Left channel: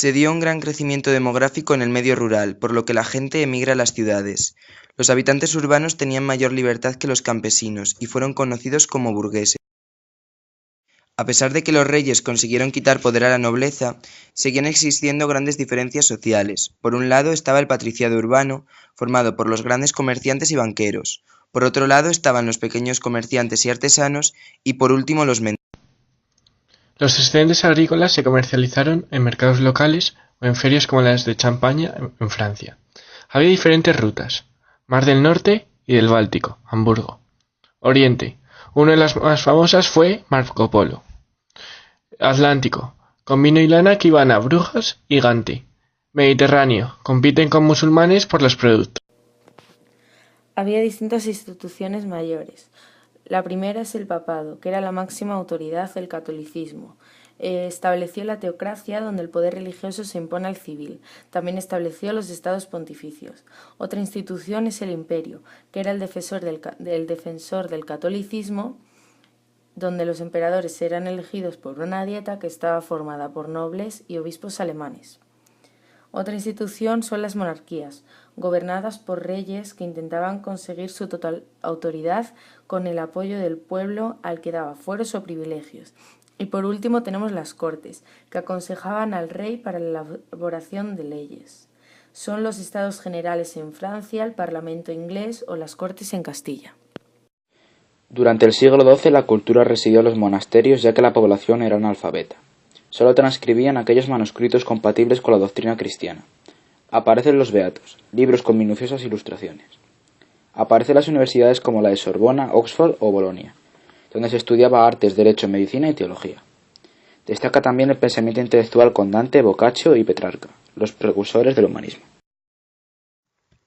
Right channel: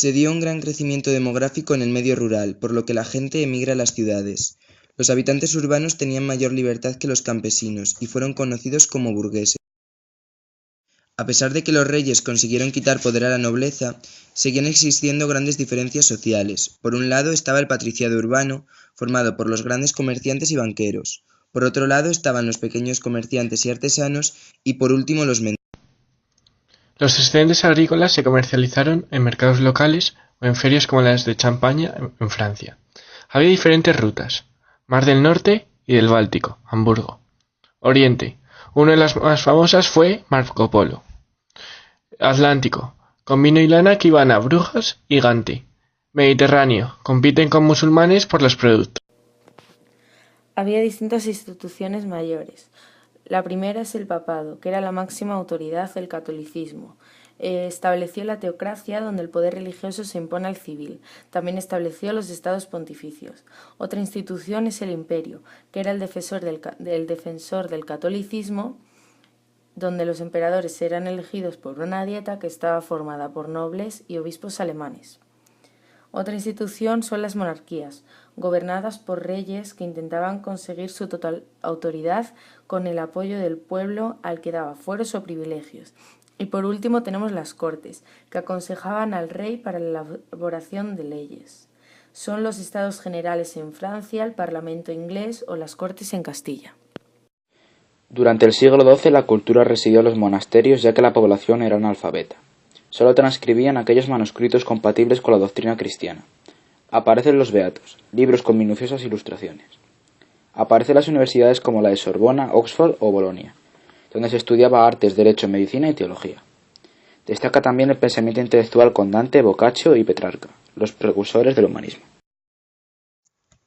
Se dio un gran crecimiento demográfico en el medio rural, por lo que la gente emigra a las ciudades. Los habitantes urbanos tenían mayor libertad que los campesinos y fueron conocidos como burgueses. A pesar de que los reyes consiguieron quitar poder a la nobleza, seguían existiendo grandes diferencias sociales. Por un lado estaba el patriciado urbano, formado por los grandes comerciantes y banqueros. Por otro lado estaban los pequeños comerciantes y artesanos, y por último los mendigos. Los excedentes agrícolas se comercializaron en mercados locales o en ferias como las de Champaña en Francia. Había diferentes rutas: Mar del Norte y del Báltico, Hamburgo. Oriente. Una de las más famosas fue Marco Polo. Atlántico, con vino y lana que iban a Brujas y Gante. Mediterráneo, compiten con musulmanes por los productos. Había distintas instituciones mayores. La primera es el papado, que era la máxima autoridad del catolicismo. Estableció la teocracia, donde el poder religioso se impone al civil. También estableció los estados pontificios. Otra institución es el imperio, que era el defensor del catolicismo, donde los emperadores eran elegidos por una dieta que estaba formada por nobles y obispos alemanes. Otra institución son las monarquías, gobernadas por reyes que intentaban conseguir su total autoridad con el apoyo del pueblo al que daba fueros o privilegios. Y por último tenemos las cortes, que aconsejaban al rey para la elaboración de leyes. Son los estados generales en Francia, el parlamento inglés o las cortes en Castilla. Durante el siglo XII la cultura residió en los monasterios, ya que la población era analfabeta. Solo transcribían aquellos manuscritos compatibles con la doctrina cristiana. Aparecen los beatos, libros con minuciosas ilustraciones. Aparecen las universidades como la de Sorbona, Oxford o Bolonia, donde se estudiaba artes, derecho, medicina y teología. Destaca también el pensamiento intelectual con Dante, Boccaccio y Petrarca, los precursores del humanismo.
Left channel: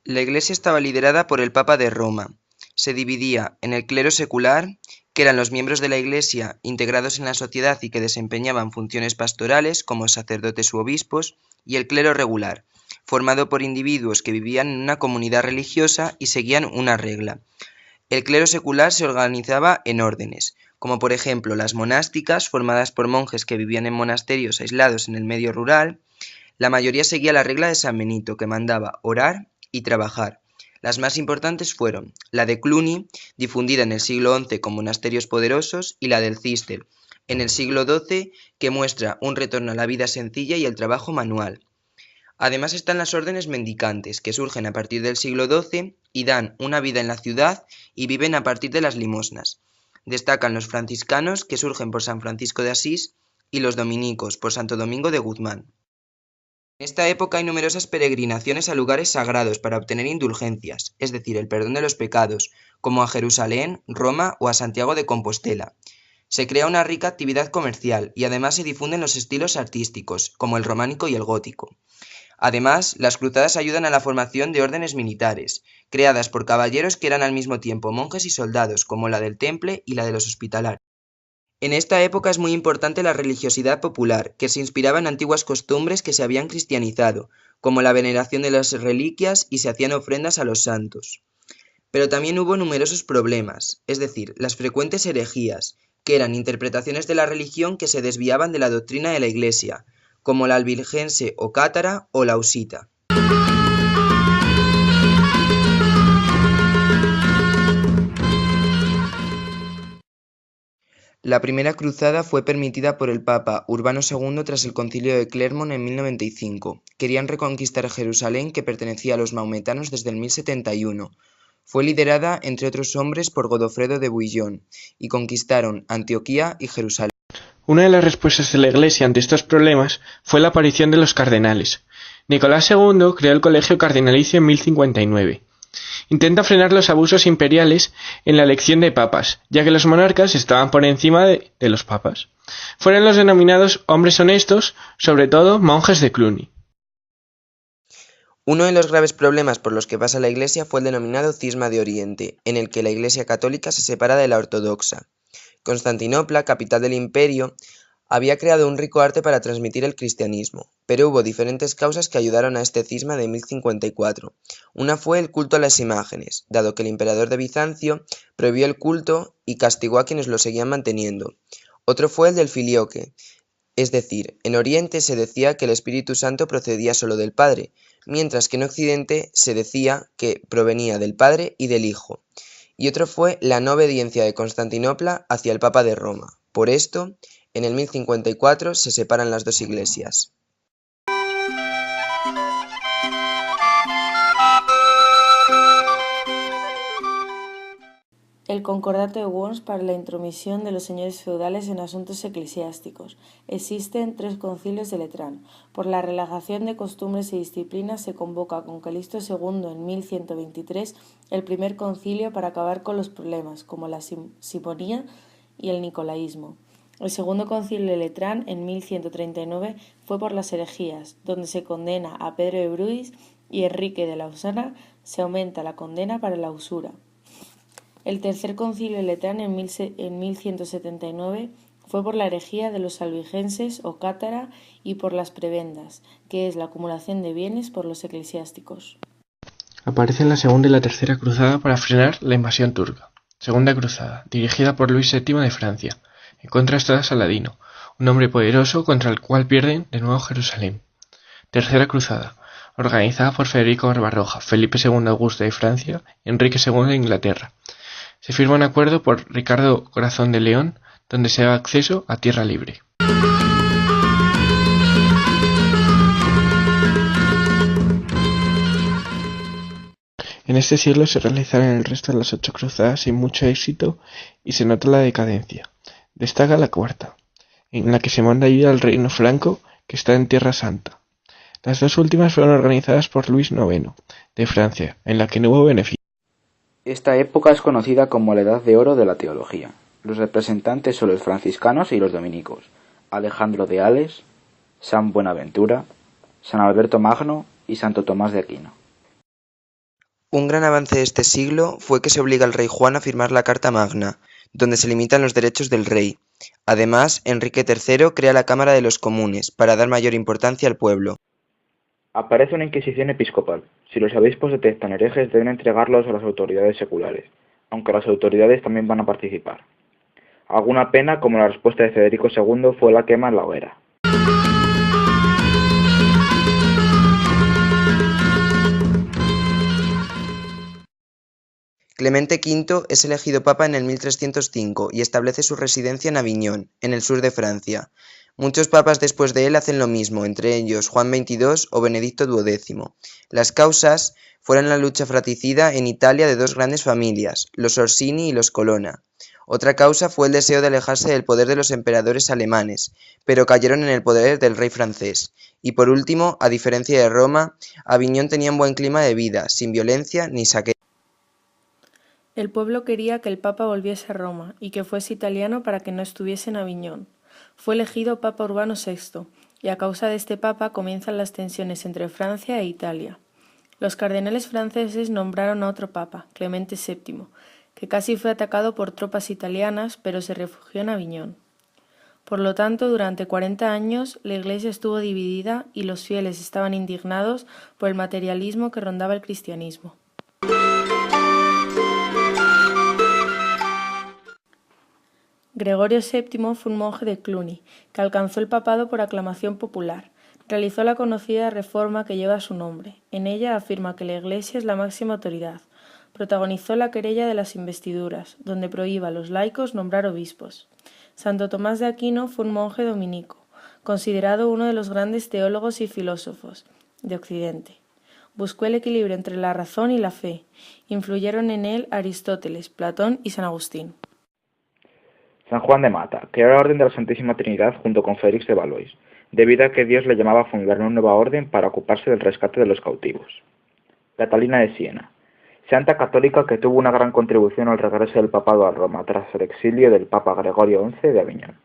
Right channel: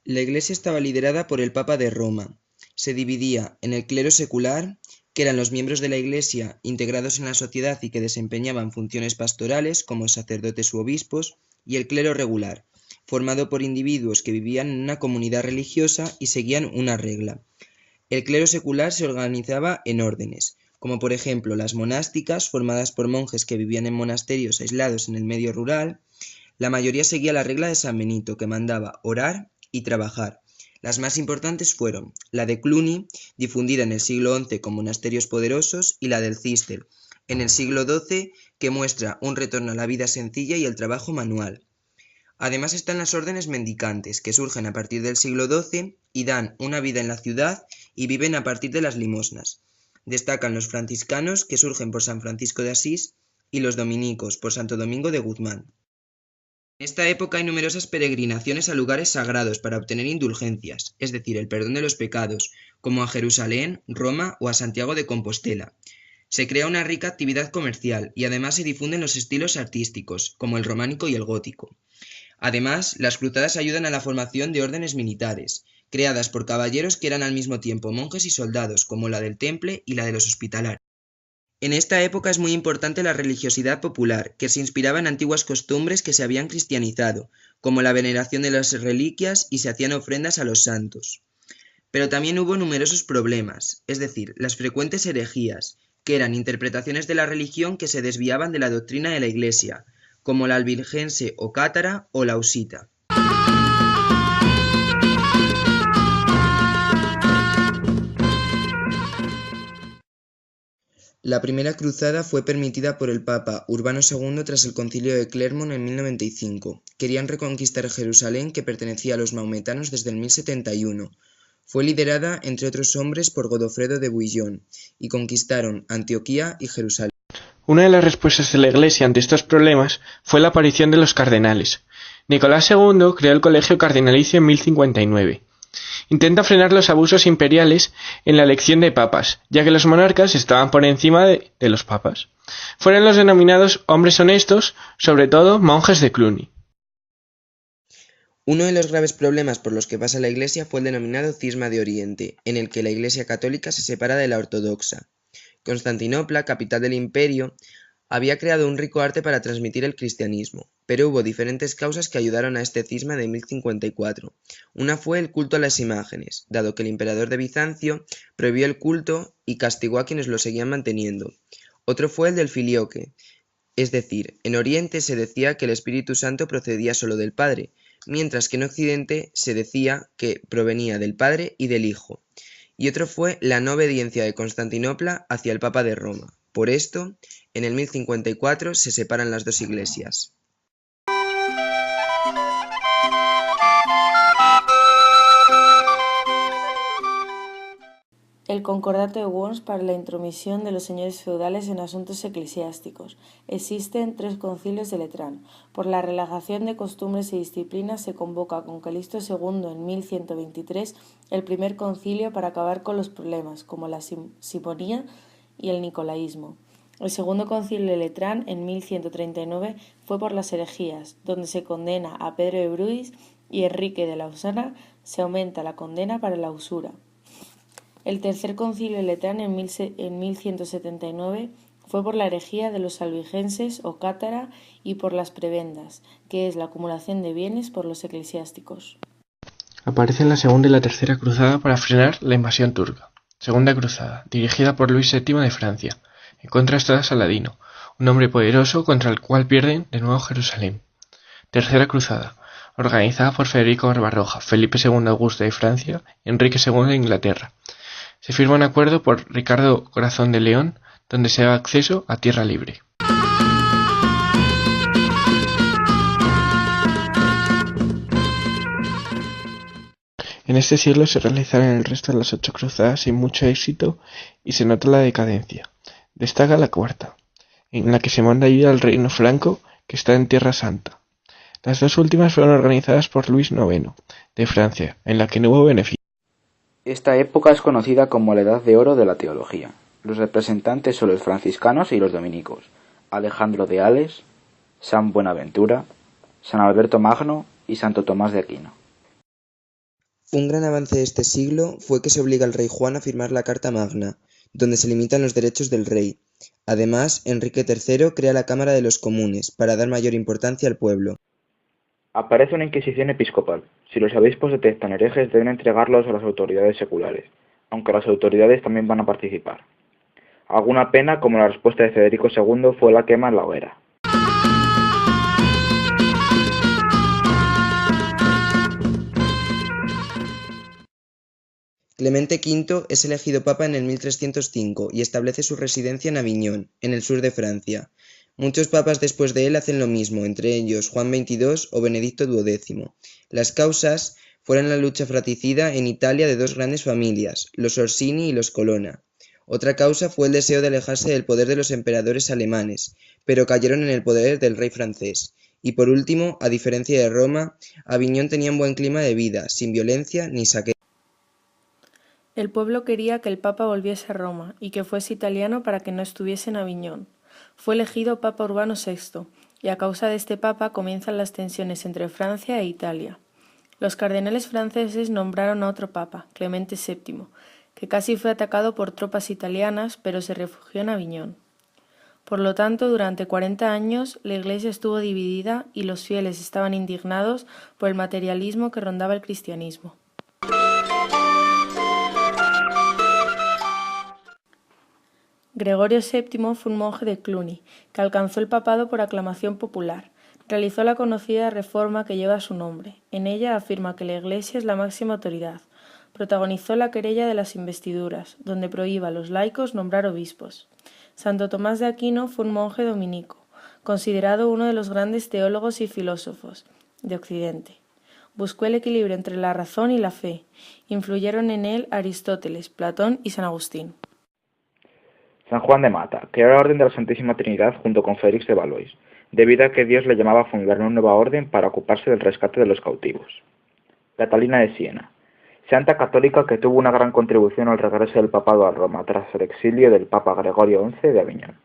La Iglesia estaba liderada por el Papa de Roma. Se dividía en el clero secular, que eran los miembros de la Iglesia integrados en la sociedad y que desempeñaban funciones pastorales como sacerdotes u obispos, y el clero regular, formado por individuos que vivían en una comunidad religiosa y seguían una regla. El clero secular se organizaba en órdenes, como por ejemplo las monásticas, formadas por monjes que vivían en monasterios aislados en el medio rural. La mayoría seguía la regla de San Benito, que mandaba orar y trabajar. Las más importantes fueron la de Cluny, difundida en el siglo XI con monasterios poderosos, y la del Císter, en el siglo XII, que muestra un retorno a la vida sencilla y el trabajo manual. Además están las órdenes mendicantes, que surgen a partir del siglo XII y dan una vida en la ciudad y viven a partir de las limosnas. Destacan los franciscanos, que surgen por San Francisco de Asís, y los dominicos, por Santo Domingo de Guzmán. En esta época hay numerosas peregrinaciones a lugares sagrados para obtener indulgencias, es decir, el perdón de los pecados, como a Jerusalén, Roma o a Santiago de Compostela. Se crea una rica actividad comercial y además se difunden los estilos artísticos, como el románico y el gótico. Además, las cruzadas ayudan a la formación de órdenes militares, creadas por caballeros que eran al mismo tiempo monjes y soldados, como la del Temple y la de los Hospitalarios. En esta época es muy importante la religiosidad popular, que se inspiraba en antiguas costumbres que se habían cristianizado, como la veneración de las reliquias, y se hacían ofrendas a los santos. Pero también hubo numerosos problemas, es decir, las frecuentes herejías, que eran interpretaciones de la religión que se desviaban de la doctrina de la Iglesia, como la albigense o cátara o la husita. La primera cruzada fue permitida por el Papa Urbano II tras el Concilio de Clermont en 1095. Querían reconquistar Jerusalén, que pertenecía a los maometanos desde el 1071. Fue liderada, entre otros hombres, por Godofredo de Bouillon, y conquistaron Antioquía y Jerusalén. Una de las respuestas de la Iglesia ante estos problemas fue la aparición de los cardenales. Nicolás II creó el Colegio Cardinalicio en 1059. Intenta frenar los abusos imperiales en la elección de papas, ya que los monarcas estaban por encima de los papas. Fueron los denominados hombres honestos, sobre todo monjes de Cluny. Uno de los graves problemas por los que pasa la Iglesia fue el denominado Cisma de Oriente, en el que la Iglesia católica se separa de la ortodoxa. Constantinopla, capital del imperio, había creado un rico arte para transmitir el cristianismo, pero hubo diferentes causas que ayudaron a este cisma de 1054. Una fue el culto a las imágenes, dado que el emperador de Bizancio prohibió el culto y castigó a quienes lo seguían manteniendo. Otro fue el del filioque, Es decir, en Oriente se decía que el Espíritu Santo procedía solo del Padre, mientras que en Occidente se decía que provenía del Padre y del Hijo. Y otro fue la no obediencia de Constantinopla hacia el Papa de Roma. Por esto, en el 1054 se separan las dos iglesias. El Concordato de Worms para la intromisión de los señores feudales en asuntos eclesiásticos. Existen 3 concilios de Letrán. Por la relajación de costumbres y disciplinas se convoca con Calixto II en 1123 el primer concilio para acabar con los problemas, como la simonía y el nicolaísmo. El segundo concilio de Letrán, en 1139, fue por las herejías, donde se condena a Pedro de Bruis y Enrique de Lausana, se aumenta la condena para la usura. El tercer concilio de Letrán, en 1179, fue por la herejía de los albigenses o cátara y por las prebendas, que es la acumulación de bienes por los eclesiásticos. Aparece en la Segunda y la Tercera Cruzada para frenar la invasión turca. Segunda Cruzada, dirigida por Luis VII de Francia, en contra de Saladino, un hombre poderoso contra el cual pierden de nuevo Jerusalén. Tercera Cruzada, organizada por Federico Barbarroja, Felipe II Augusto de Francia y Enrique II de Inglaterra. Se firma un acuerdo por Ricardo Corazón de León, donde se da acceso a tierra libre. En este siglo se realizaron el resto de las 8 cruzadas sin mucho éxito y se nota la decadencia. Destaca la cuarta, en la que se manda ayuda al reino franco que está en Tierra Santa. Las 2 últimas fueron organizadas por Luis IX de Francia, en la que no hubo beneficio. Esta época es conocida como la Edad de Oro de la Teología. Los representantes son los franciscanos y los dominicos, Alejandro de Ales, San Buenaventura, San Alberto Magno y Santo Tomás de Aquino. Un gran avance de este siglo fue que se obliga al rey Juan a firmar la Carta Magna, donde se limitan los derechos del rey. Además, Enrique III crea la Cámara de los Comunes para dar mayor importancia al pueblo. Aparece una inquisición episcopal. Si los obispos detectan herejes deben entregarlos a las autoridades seculares, aunque las autoridades también van a participar. Alguna pena, como la respuesta de Federico II, fue la quema en la hoguera. Clemente V es elegido papa en el 1305 y establece su residencia en Aviñón, en el sur de Francia. Muchos papas después de él hacen lo mismo, entre ellos Juan XXII o Benedicto XII. Las causas fueron la lucha fratricida en Italia de 2 grandes familias, los Orsini y los Colonna. Otra causa fue el deseo de alejarse del poder de los emperadores alemanes, pero cayeron en el poder del rey francés. Y por último, a diferencia de Roma, Aviñón tenía un buen clima de vida, sin violencia ni saqueo. El pueblo quería que el Papa volviese a Roma y que fuese italiano para que no estuviese en Aviñón. Fue elegido Papa Urbano VI, y a causa de este Papa comienzan las tensiones entre Francia e Italia. Los cardenales franceses nombraron a otro Papa, Clemente VII, que casi fue atacado por tropas italianas, pero se refugió en Aviñón. Por lo tanto, durante 40 años la Iglesia estuvo dividida y los fieles estaban indignados por el materialismo que rondaba el cristianismo. Gregorio VII fue un monje de Cluny, que alcanzó el papado por aclamación popular. Realizó la conocida reforma que lleva su nombre. En ella afirma que la Iglesia es la máxima autoridad. Protagonizó la querella de las investiduras, donde prohíbe a los laicos nombrar obispos. Santo Tomás de Aquino fue un monje dominico, considerado uno de los grandes teólogos y filósofos de Occidente. Buscó el equilibrio entre la razón y la fe. Influyeron en él Aristóteles, Platón y San Agustín. San Juan de Mata creó la Orden de la Santísima Trinidad junto con Félix de Valois, debido a que Dios le llamaba a fundar una nueva orden para ocuparse del rescate de los cautivos. Catalina de Siena, santa católica que tuvo una gran contribución al regreso del papado a Roma tras el exilio del Papa Gregorio XI de Aviñón.